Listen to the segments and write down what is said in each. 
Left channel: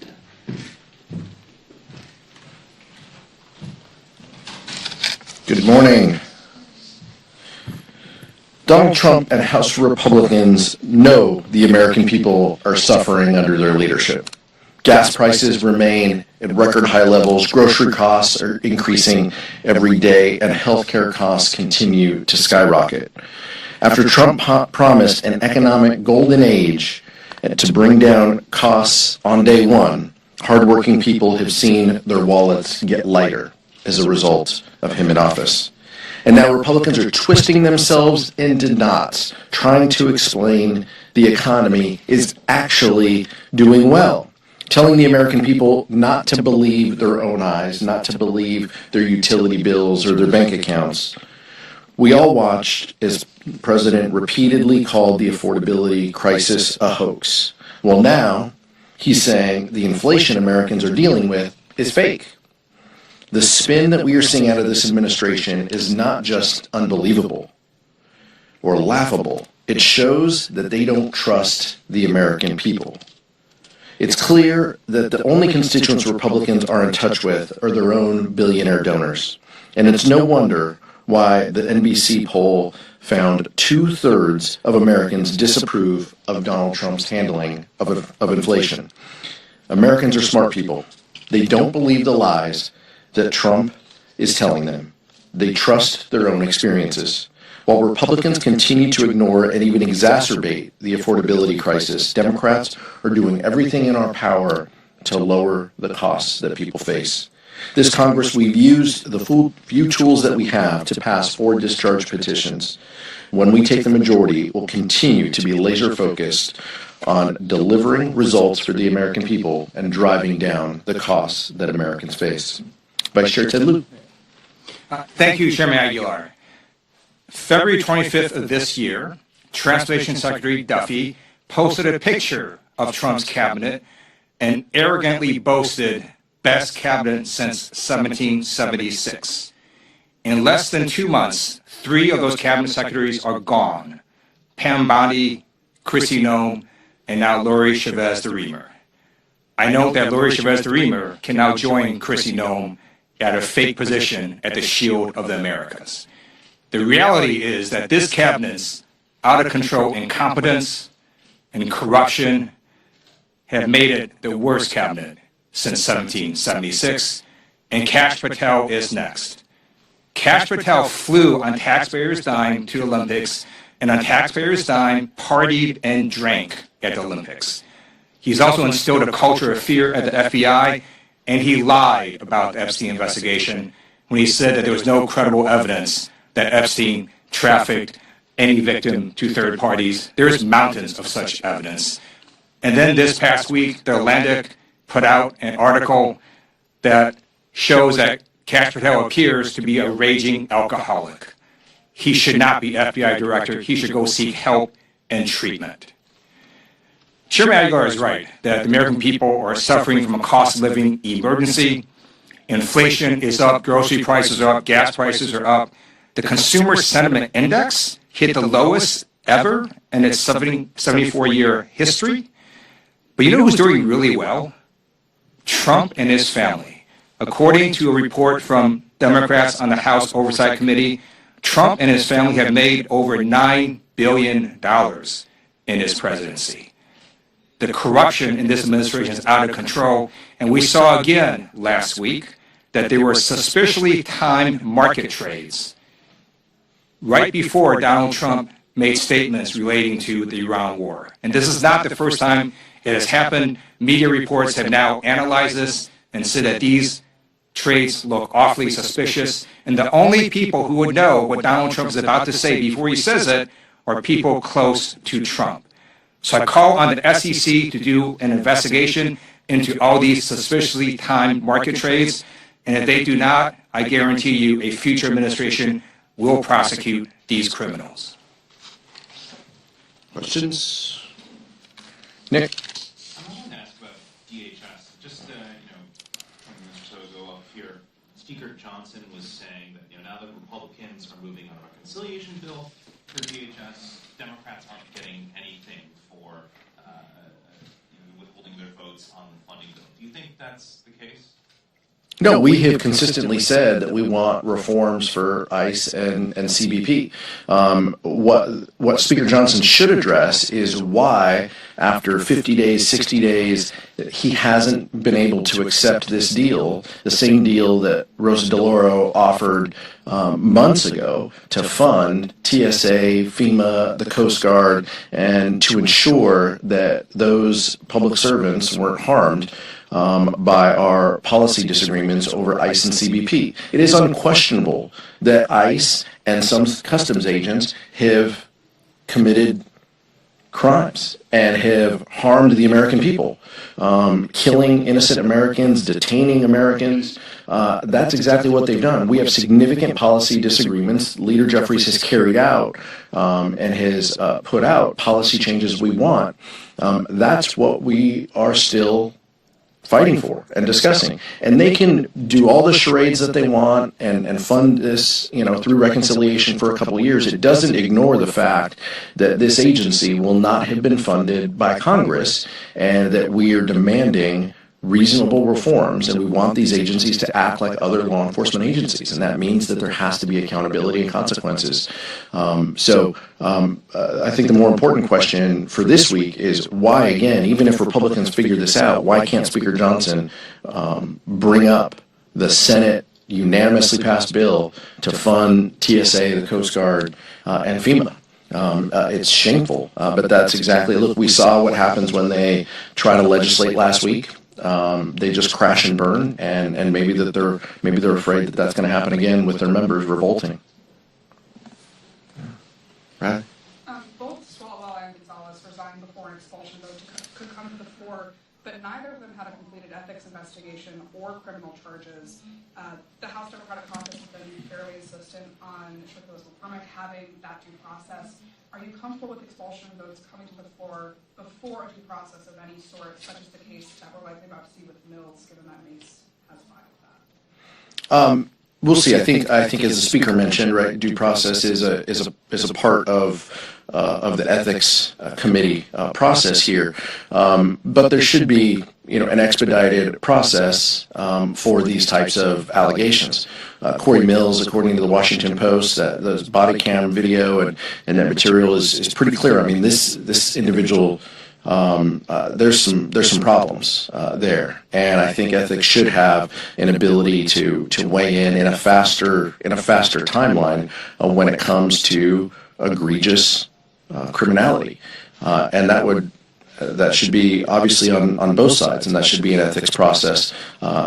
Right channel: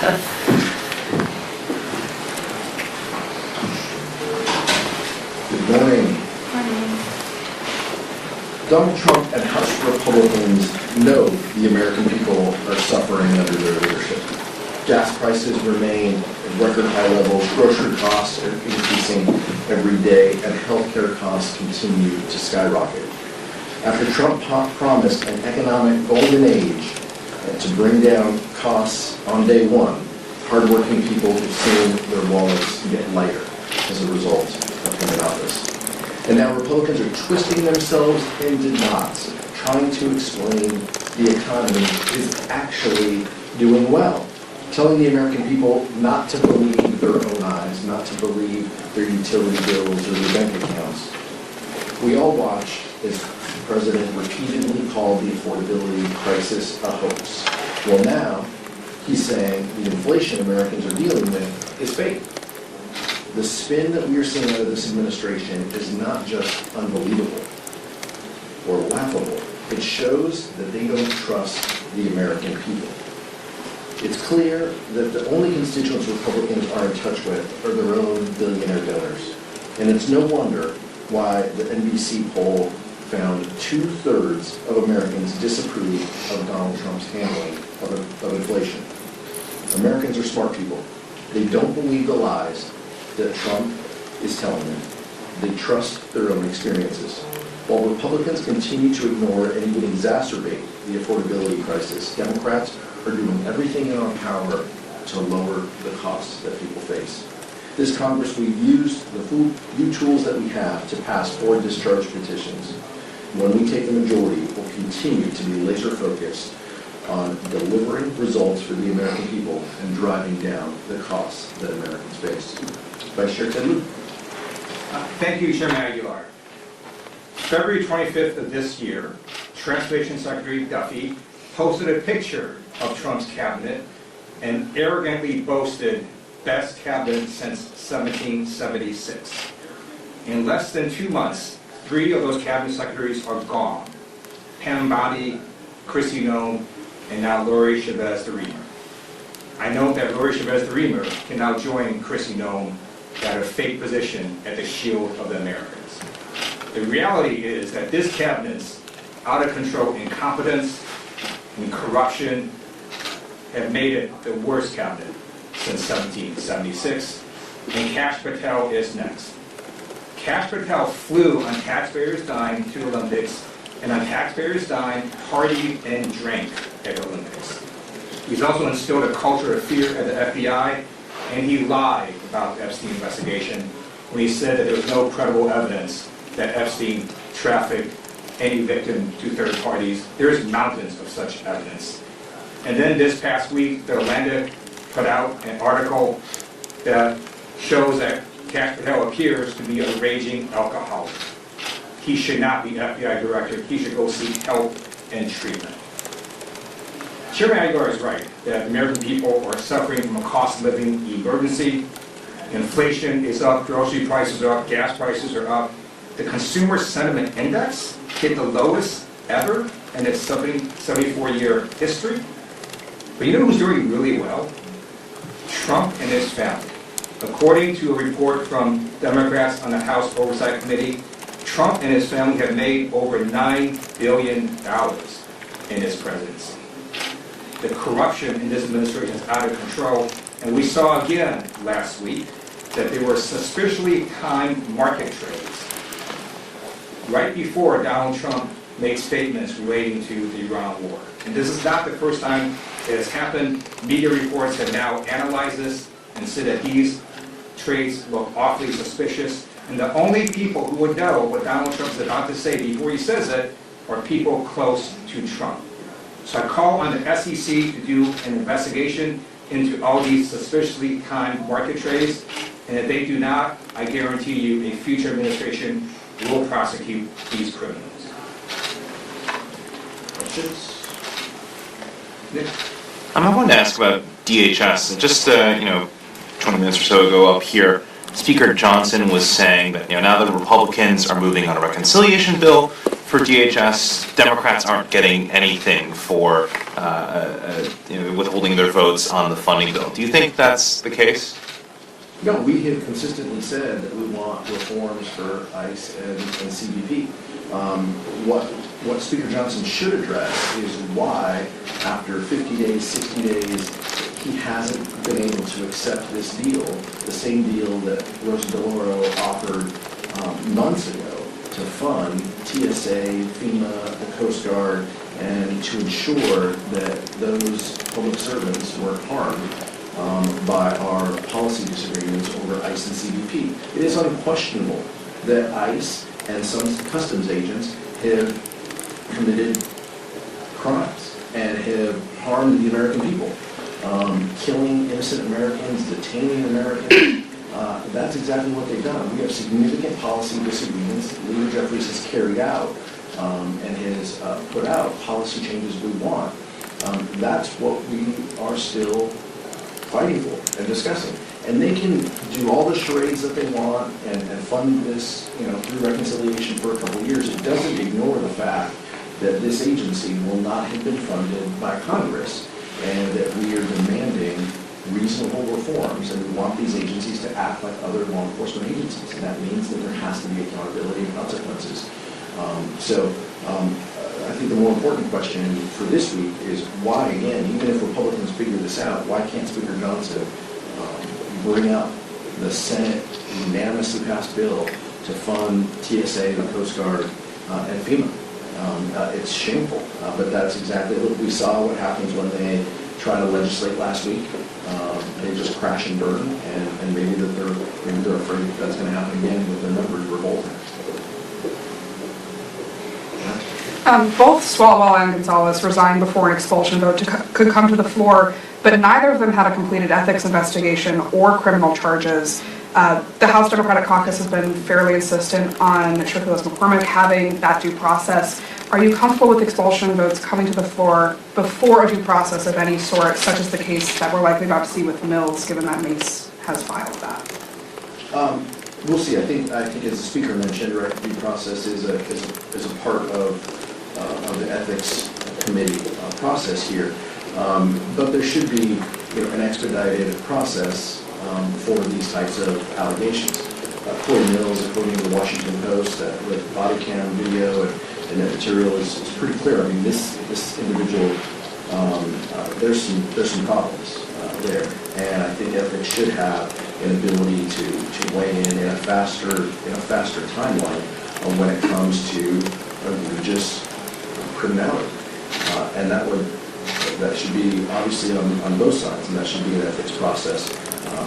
Good morning. Donald Trump and House Republicans know the American people are suffering under their leadership. Gas prices remain at record high levels, grocery costs are increasing every day, and healthcare costs continue to skyrocket. After Trump promised an economic golden age to bring down costs on day one, hardworking people have seen their wallets get lighter as a result of him in office. And now Republicans are twisting themselves into knots, trying to explain the economy is actually doing well, telling the American people not to believe their own eyes, not to believe their utility bills or their bank accounts. We all watched as the president repeatedly called the affordability crisis a hoax. Well, now he's saying the inflation Americans are dealing with is fake. The spin that we are seeing out of this administration is not just unbelievable or laughable. It shows that they don't trust the American people. It's clear that the only constituents Republicans are in touch with are their own billionaire donors. And it's no wonder why the NBC poll found 2/3 of Americans disapprove of Donald Trump's handling of inflation. Americans are smart people. They don't believe the lies that Trump is telling them. They trust their own experiences. While Republicans continue to ignore and even exacerbate the affordability crisis, Democrats are doing everything in our power to lower the costs that people face. This Congress, we've used the few tools that we have to pass 4 discharge petitions. When we take the majority, we'll continue to be laser focused on delivering results for the American people and driving down the costs that Americans face. Vice Chair Ted Lieu. Thank you, Chairman Aguilar. February 25th of this year, Transportation Secretary Duffy posted a picture of Trump's cabinet and arrogantly boasted best cabinet since 1776. In less than 2 months, 3 of those cabinet secretaries are gone. Pam Bondi, Kristi Noem, and now Lori Chavez de Reamer. I note that Lori Chavez de Reamer can now join Kristi Noem at a fake position at the Shield of the Americas. The reality is that this cabinet's out-of-control incompetence and corruption have made it the worst cabinet since 1776, and Kash Patel is next. Kash Patel flew on taxpayers' dime to the Olympics, and on taxpayers' dime partied and drank at the Olympics. He's also instilled a culture of fear at the FBI, and he lied about the Epstein investigation when he said that there was no credible evidence that Epstein trafficked any victim to third parties. There's mountains of such evidence. And then this past week, the Atlantic put out an article that shows that Kash Patel appears to be a raging alcoholic. He should not be FBI director. He should go seek help and treatment. Chairman Aguilar is right that the American people are suffering from a cost of living emergency. Inflation is up, grocery prices are up, gas prices are up. The Consumer Sentiment Index hit the lowest ever in its 74-year history. But you know who's doing really well? Trump and his family. According to a report from Democrats on the House Oversight Committee, Trump and his family have made over $9 billion in his presidency. The corruption in this administration is out of control, and we saw again last week that there were suspiciously timed market trades right before Donald Trump made statements relating to the Iran war. And this is not the first time it has happened. Media reports have now analyzed this and said that these trades look awfully suspicious. And the only people who would know what Donald Trump is about to say before he says it are people close to Trump. So I call on the SEC to do an investigation into all these suspiciously timed market trades. And if they do not, I guarantee you a future administration will prosecute these criminals. Questions? Nick? I wanted to ask about DHS. And just, 20 minutes or so ago up here, Speaker Johnson was saying that now that the Republicans are moving on a reconciliation bill, for DHS, Democrats aren't getting anything for withholding their votes on the funding bill. Do you think that's the case? No, we have consistently said that we want reforms for ICE and CBP. What Speaker Johnson should address is why, after 50 days, 60 days, he hasn't been able to accept this deal, the same deal that Rosa DeLauro offered months ago to fund TSA, FEMA, the Coast Guard, and to ensure that those public servants weren't harmed by our policy disagreements over ICE and CBP. It is unquestionable that ICE and some customs agents have committed crimes and have harmed the American people, killing innocent Americans, detaining Americans. That's exactly what they've done. We have significant policy disagreements. Leader Jeffries has carried out and has put out policy changes we want. That's what we are still fighting for and discussing. And they can do all the charades that they want and fund this, through reconciliation for a couple of years. It doesn't ignore the fact that this agency will not have been funded by Congress and that we are demanding reasonable reforms, and we want these agencies to act like other law enforcement agencies, and that means that there has to be accountability and consequences. I think the more important question for this week is why, again, even if Republicans figure this out, why can't Speaker Johnson bring up the Senate unanimously passed bill to fund TSA, the Coast Guard, and FEMA? It's shameful, but that's exactly, look, we saw what happens when they try to legislate last week. They just crash and burn, and maybe they're afraid that that's going to happen again with their members revolting. Both Swalwell and Gonzalez resigned before an expulsion vote could come to the floor, but neither of them had a completed ethics investigation or criminal charges. The House Democratic Caucus has been fairly insistent on Shirkulas McCormick having that due process. Are you comfortable with expulsion votes coming to the floor before a due process of any sort, such as the case that we're likely about to see with Mills, given that Mace has filed that? We'll see. I think as the speaker mentioned, right, due process is a part of the ethics committee process here, but there should be an expedited process for these types of allegations. Corey Mills, according to the Washington Post, that the body cam video and that material is pretty clear. I mean, this individual, there's some problems there, and I think ethics should have an ability to weigh in a faster timeline when it comes to egregious criminality, and that should be obviously on both sides, and that should be an ethics process.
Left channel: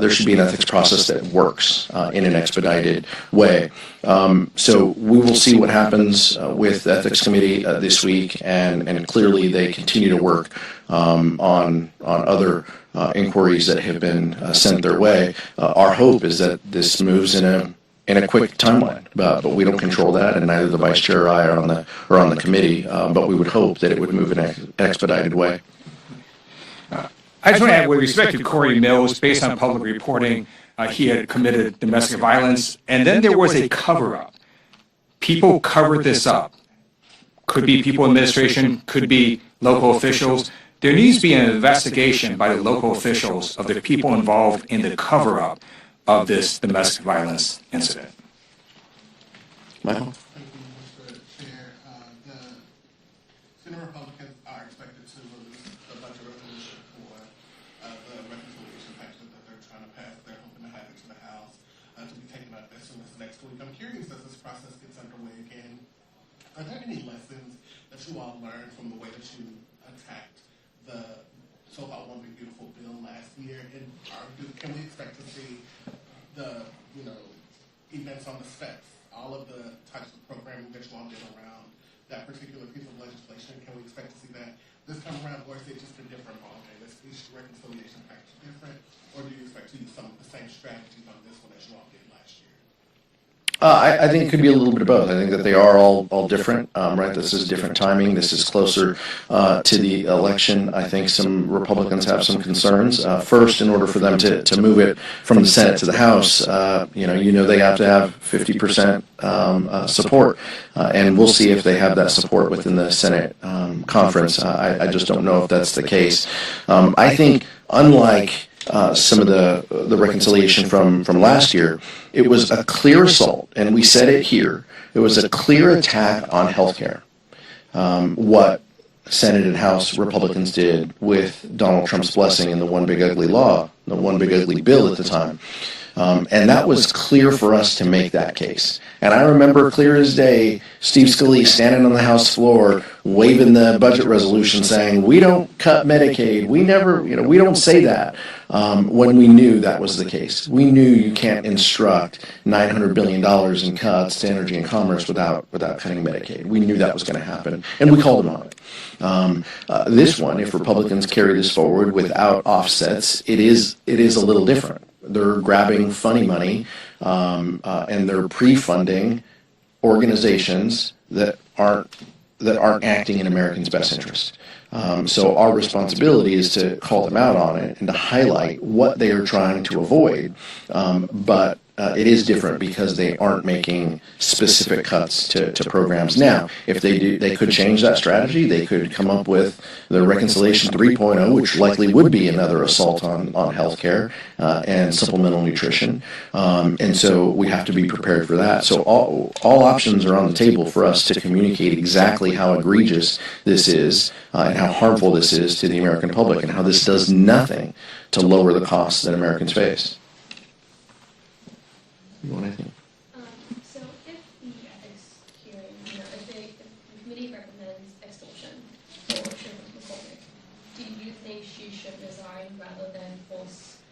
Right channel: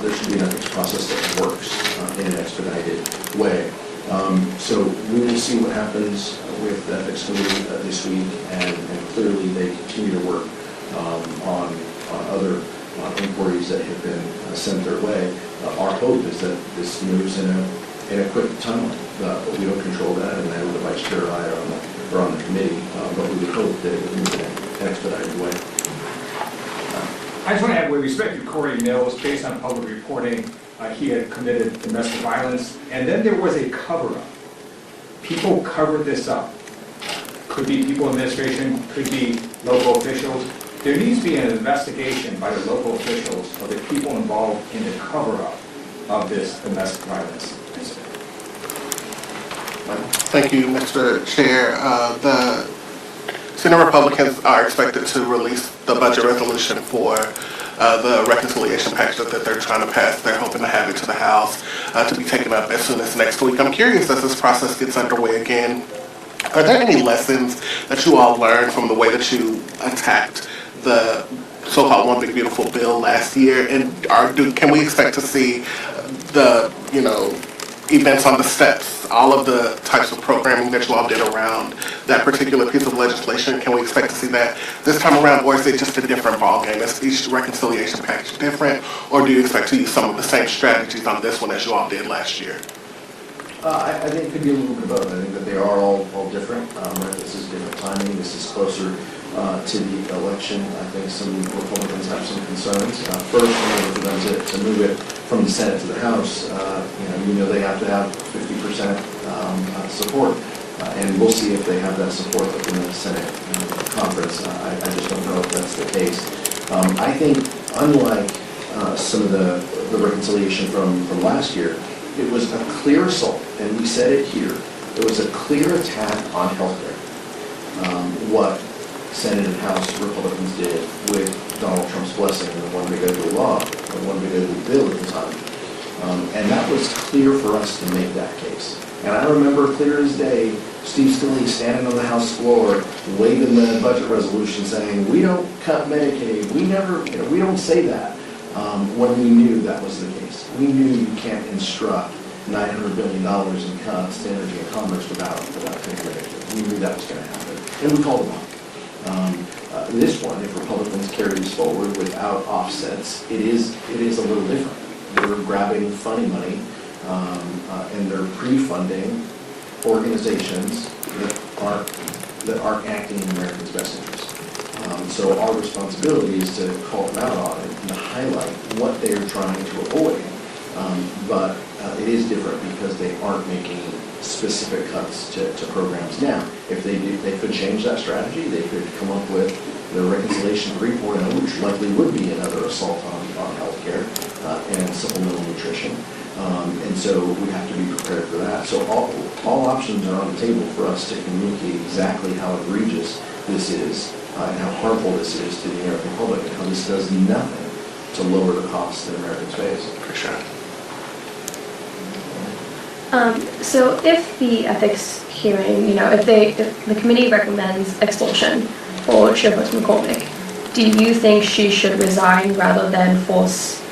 There should be an ethics process that works in an expedited way. So we will see what happens with the ethics committee this week, and clearly they continue to work on other inquiries that have been sent their way. Our hope is that this moves in a quick timeline, but we don't control that, and neither the vice chair or I are on the committee. But we would hope that it would move in an expedited way. I just want to add, with respect to Corey Mills, based on public reporting, he had committed domestic violence, and then there was a cover-up. People covered this up. Could be people in administration, could be local officials. There needs to be an investigation by the local officials of the people involved in the cover-up of this domestic violence incident. Thank you, Mr. Chair. The Senate Republicans are expected to release the budget resolution for the reconciliation package that they're trying to pass. They're hoping to have it to the House to be taken up as soon as next week. I'm curious, as this process gets underway again, are there any lessons that you all learned from the way that you attacked the so-called One Big Beautiful Bill last year? And can we expect to see the, events on the steps, all of the types of programming that you all did around that particular piece of legislation? Can we expect to see that this time around, or is it just a different ballgame? Is each reconciliation package different, or do you expect to use some of the same strategies on this one as you all did last year? I think it could be a little bit of both. I think that they are all different, right? This is different timing. This is closer to the election. I think some Republicans have some concerns. First, in order for them to move it from the Senate to the House, they have to have 50% support. And we'll see if they have that support within the Senate conference. I just don't know if that's the case. I think, unlike some of the reconciliation from last year, it was a clear assault, and we said it here. It was a clear attack on healthcare. What Senate and House Republicans did with Donald Trump's blessing in the One Big Ugly Law, the One Big Ugly Bill at the time. And that was clear for us to make that case. And I remember clear as day, Steve Scalise standing on the House floor, waving the budget resolution saying, we don't cut Medicaid, we never, we don't say that, when we knew that was the case. We knew you can't instruct $900 billion in cuts to energy and commerce without cutting Medicaid. We knew that was going to happen, and we called them out. This one, if Republicans carry this forward without offsets, it is a little different. They're grabbing funny money, and they're pre-funding organizations that aren't acting in Americans' best interest. So our responsibility is to call them out on it and to highlight what they are trying to avoid. But it is different because they aren't making specific cuts to programs. Now, if they do, they could change that strategy. They could come up with the Reconciliation 3.0, which likely would be another assault on healthcare and supplemental nutrition. And so we have to be prepared for that. So all options are on the table for us to communicate exactly how egregious this is and how harmful this is to the American public and how this does nothing to lower the costs that Americans face. For sure. So if the ethics hearing, if the committee recommends expulsion for Chairperson McCormick, do you think she should resign rather than force,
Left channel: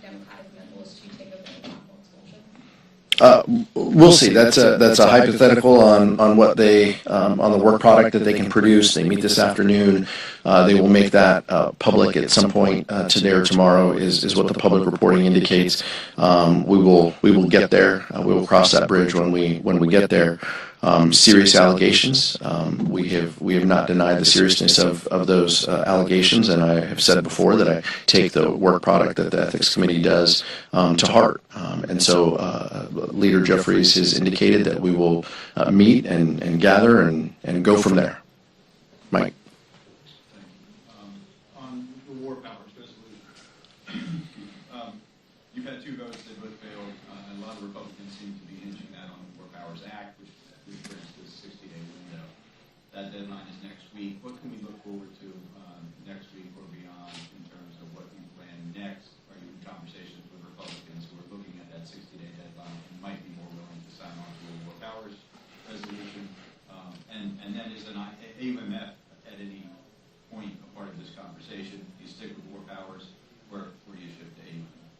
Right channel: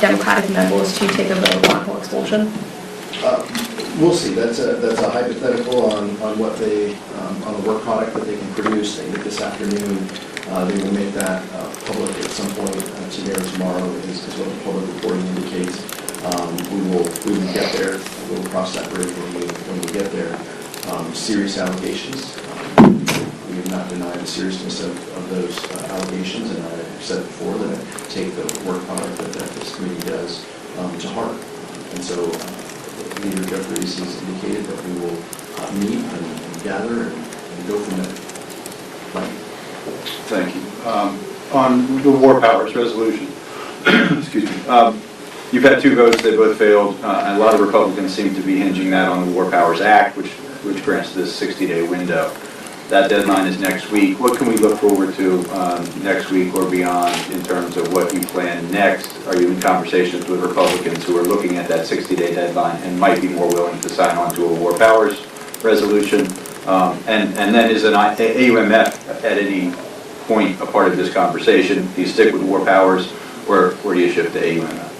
Democratic members to take a vote on her expulsion? We'll see. That's a hypothetical on what they on the work product that they can produce. They meet this afternoon. They will make that public at some point today or tomorrow. Is what the public reporting indicates. We will get there. We will cross that bridge when we get there. Serious allegations. We have not denied the seriousness of those allegations, and I have said before that I take the work product that the Ethics Committee does to heart. And so Leader Jeffries has indicated that we will meet and gather and go from there. Mike. Thank you. On the War Powers resolution, excuse me, you've had two votes, they both failed, and a lot of Republicans seem to be hinging that on the War Powers Act, which grants this 60-day window. That deadline is next week. What can we look forward to next week or beyond in terms of what you plan next? Are you in conversations with Republicans who are looking at that 60-day deadline and might be more willing to sign on to a War Powers resolution? And then is an AUMF at any point a part of this conversation? Do you stick with War Powers or do you shift to AUMF?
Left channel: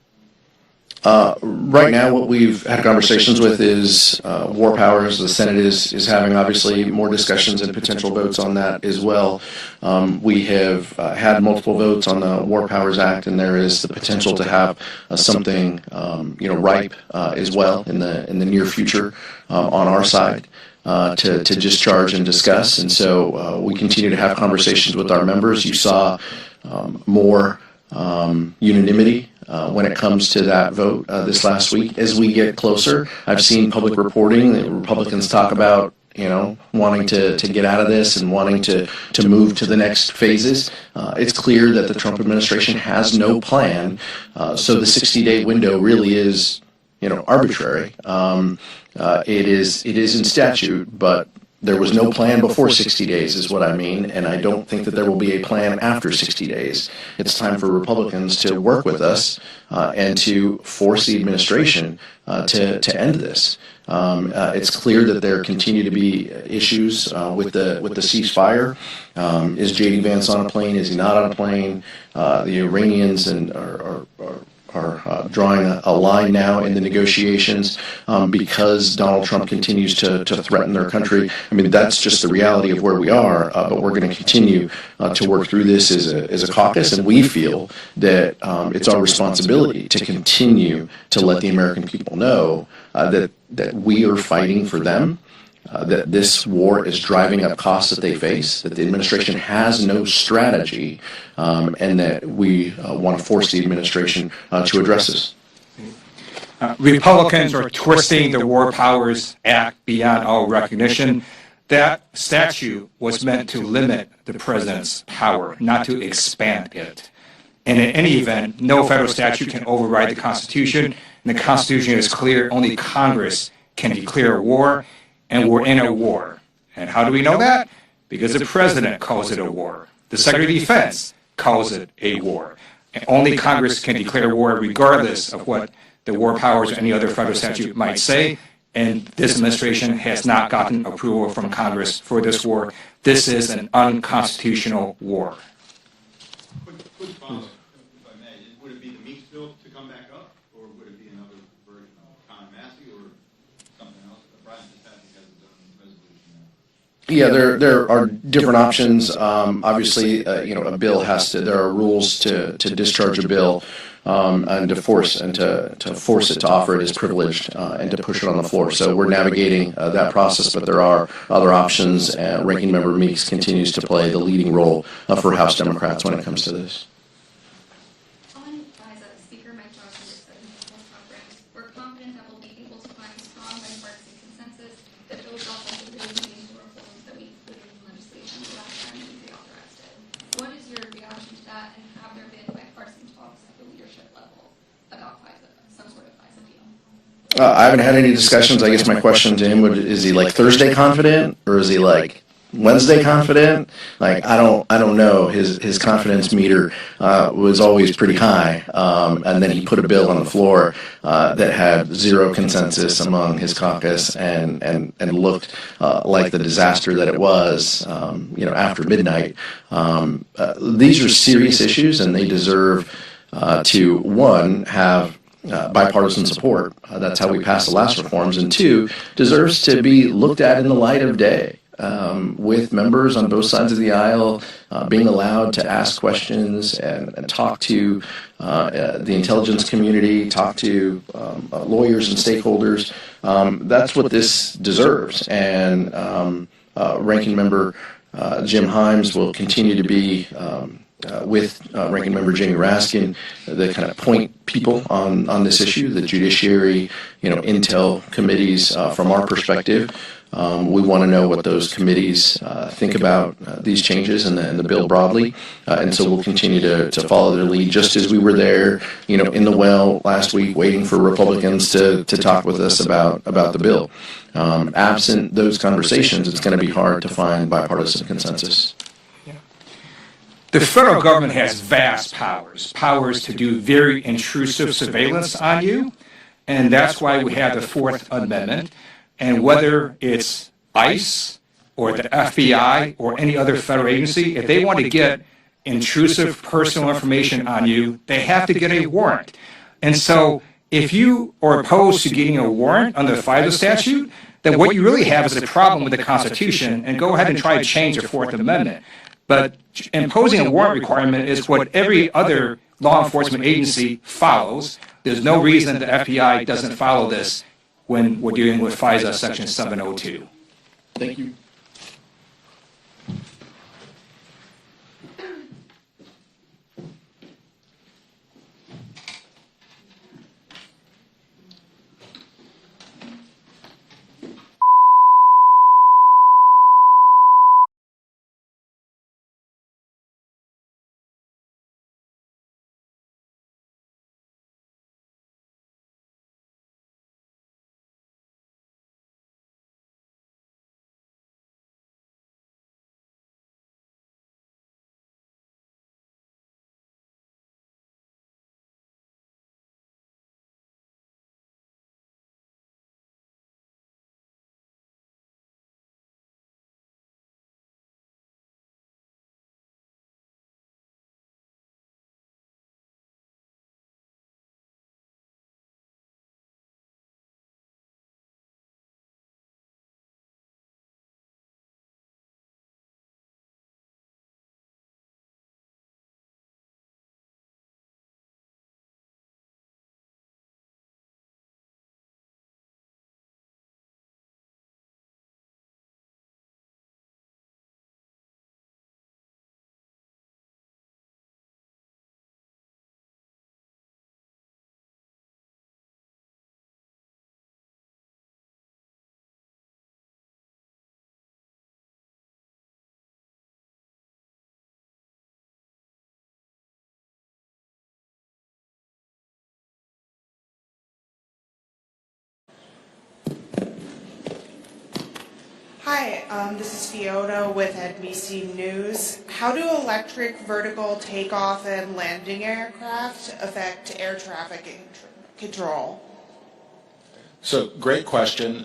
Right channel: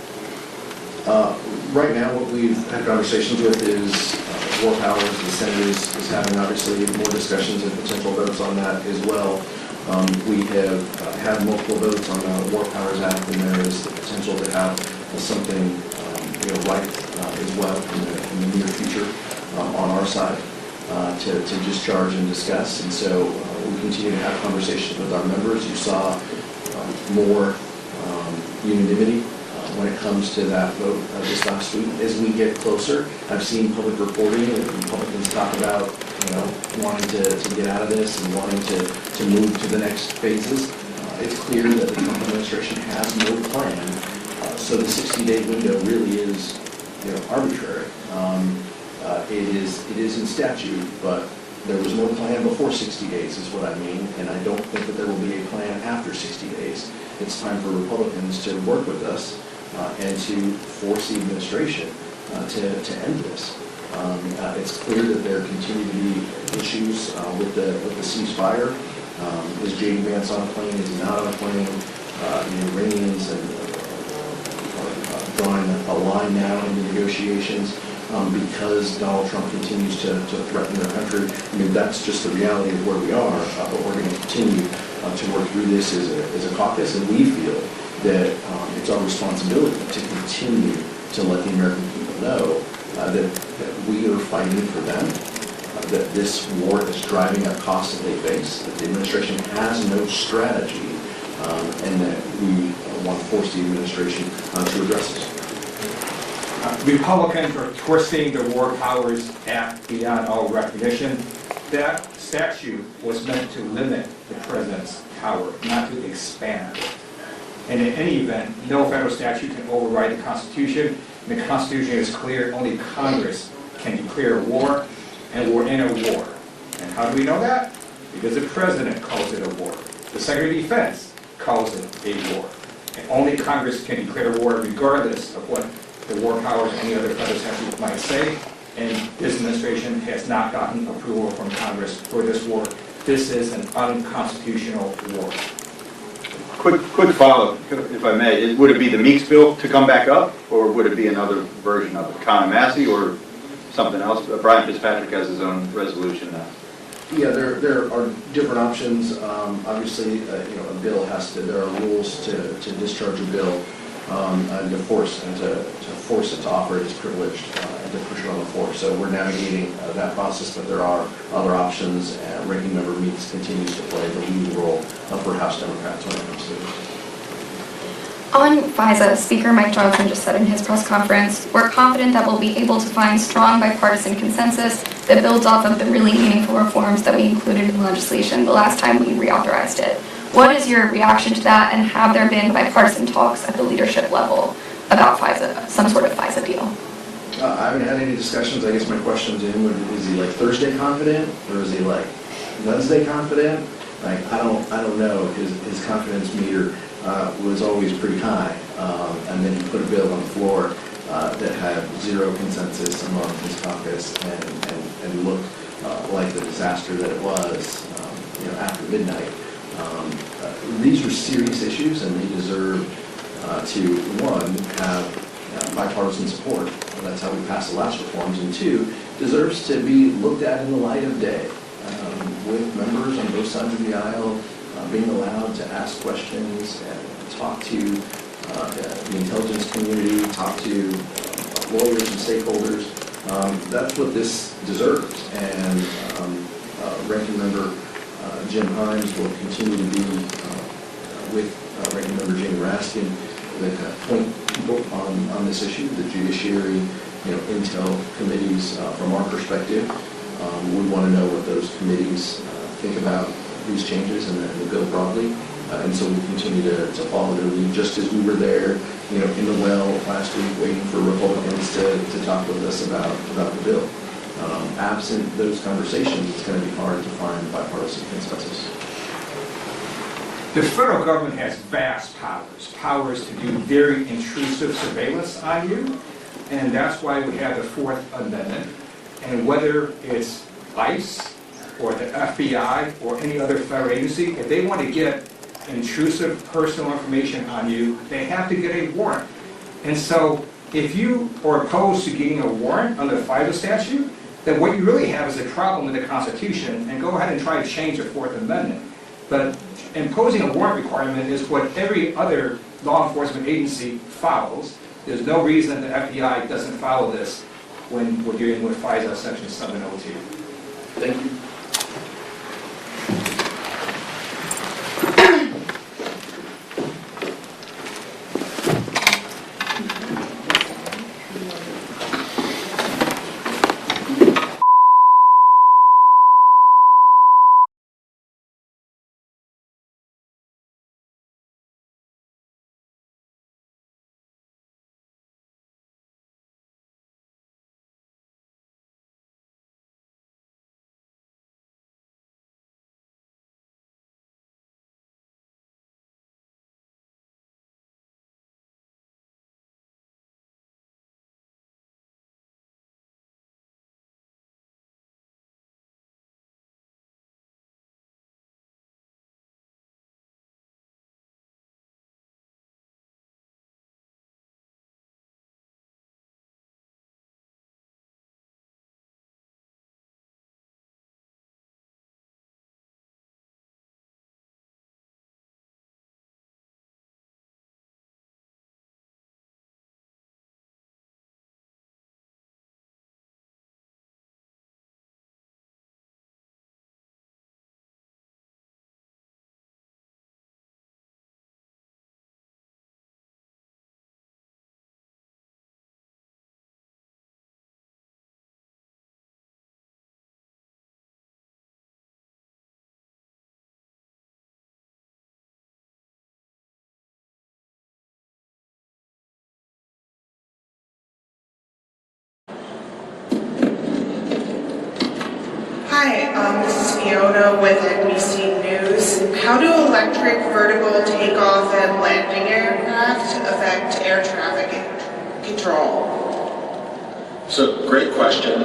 Right now, what we've had conversations with is War Powers. The Senate is having, obviously, more discussions and potential votes on that as well. We have had multiple votes on the War Powers Act, and there is the potential to have something, ripe as well in the near future on our side to discharge and discuss. And so we continue to have conversations with our members. You saw more unanimity when it comes to that vote this last week. As we get closer, I've seen public reporting that Republicans talk about, wanting to get out of this and wanting to move to the next phases. It's clear that the Trump administration has no plan, so the 60-day window really is, arbitrary. It is in statute, but there was no plan before 60 days is what I mean, and I don't think that there will be a plan after 60 days. It's time for Republicans to work with us and to force the administration to end this. It's clear that there continue to be issues with the ceasefire. Is J.D. Vance on a plane? Is he not on a plane? The Iranians are drawing a line now in the negotiations because Donald Trump continues to threaten their country. I mean, that's just the reality of where we are, but we're going to continue to work through this as a caucus, and we feel that it's our responsibility to continue to let the American people know that we are fighting for them, that this war is driving up costs that they face, that the administration has no strategy, and that we want to force the administration to address this. Republicans are twisting the War Powers Act beyond all recognition. That statute was meant to limit the president's power, not to expand it. And in any event, no federal statute can override the Constitution. And the Constitution is clear, only Congress can declare war, and we're in a war. And how do we know that? Because the president calls it a war. The Secretary of Defense calls it a war. And only Congress can declare war regardless of what the war powers or any other federal statute might say. And this administration has not gotten approval from Congress for this war. This is an unconstitutional war. Quick follow-up, if I may. Would it be the Meeks bill to come back up, or would it be another version of it? Con Massey or something else? Brian Fitzpatrick has his own resolution now. Yeah, there are different options. Obviously, a bill has to. There are rules to discharge a bill and to force it to offer it as privileged and to push it on the floor. So we're navigating that process, but there are other options. And Ranking Member Meeks continues to play the leading role for House Democrats when it comes to this. On FISA, Speaker Mike Johnson just said in his press conference, "We're confident that we'll be able to find strong bipartisan consensus that builds off of the really meaningful reforms that we included in legislation the last time we reauthorized it." What is your reaction to that, and have there been bipartisan talks at the leadership level about FISA, some sort of FISA deal? I haven't had any discussions. I guess my question to him is he like Thursday confident, or is he like Wednesday confident? Like, I don't know. His confidence meter was always pretty high, and then he put a bill on the floor that had zero consensus among his caucus and looked like the disaster that it was, after midnight. These are serious issues, and they deserve to, one, have bipartisan support. That's how we passed the last reforms. And two, deserves to be looked at in the light of day, with members on both sides of the aisle being allowed to ask questions and talk to the intelligence community, talk to lawyers and stakeholders. That's what this deserves. And Ranking Member Jim Himes will continue to be with Ranking Member Jamie Raskin, the kind of point people on this issue, the judiciary, intel committees. From our perspective, we want to know what those committees think about these changes and the bill broadly, and so we'll continue to follow their lead, just as we were there, in the well last week, waiting for Republicans to talk with us about the bill. Absent those conversations, it's going to be hard to find bipartisan consensus. The federal government has vast powers to do very intrusive surveillance on you, and that's why we have the Fourth Amendment. And whether it's ICE or the FBI or any other federal agency, if they want to get intrusive personal information on you, they have to get a warrant. And so if you are opposed to getting a warrant under the FISA statute, then what you really have is a problem with the Constitution, and go ahead and try to change the Fourth Amendment. But imposing a warrant requirement is what every other law enforcement agency follows. There's no reason the FBI doesn't follow this when we're dealing with FISA Section 702. Thank you. Hi, this is Fiona with NBC News. How do electric vertical takeoff and landing aircraft affect air traffic control? So, great question.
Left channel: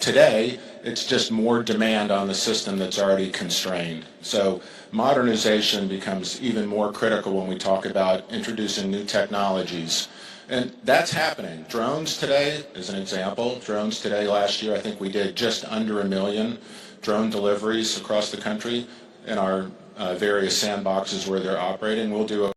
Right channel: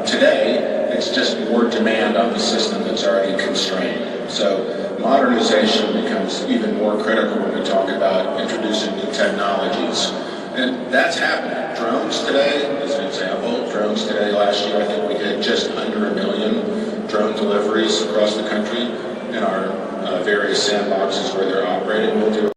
Today, it's just more demand on the system that's already constrained. So, modernization becomes even more critical when we talk about introducing new technologies. And that's happening. Drones today, as an example, drones today, last year, I think we did just under 1 million drone deliveries across the country in our various sandboxes where they're operating. We'll do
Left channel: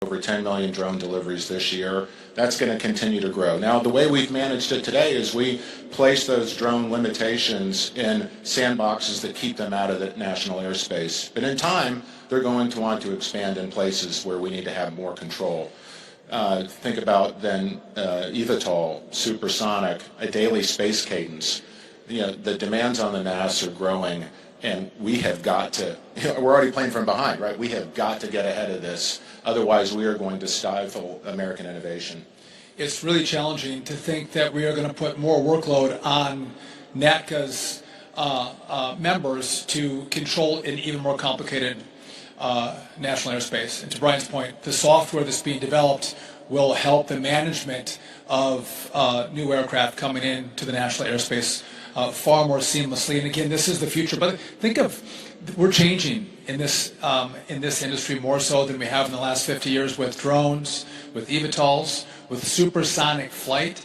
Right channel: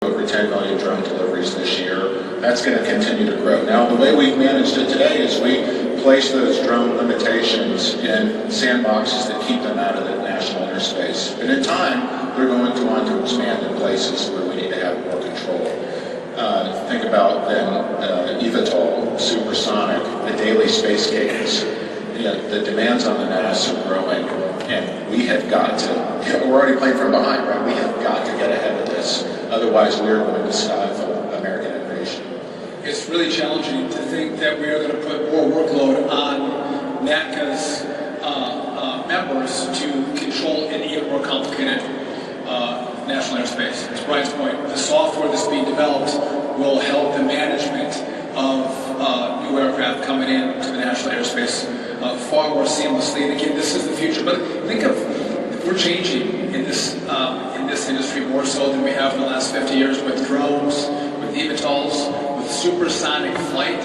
over 10 million drone deliveries this year. That's going to continue to grow. Now, the way we've managed it today is we place those drone limitations in sandboxes that keep them out of the national airspace. But in time, we're going to want to expand in places where we need to have more control. Think about then eVTOL, supersonic, the daily space cadence. The demands on the NASA are growing, and we have got to, we're already playing from behind, right? We have got to get ahead of this. Otherwise, we're going to stifle American innovation. It's really challenging to think that we are going to put more workload on NATCA's members to control an even more complicated national airspace. To Brian's point, the software that's being developed will help the management of new aircraft coming in to the national airspace far more seamlessly. Again, this is the future, but think of, we're changing in this industry more so than we have the last 50 years with drones, with eVTOLs, with supersonic flight.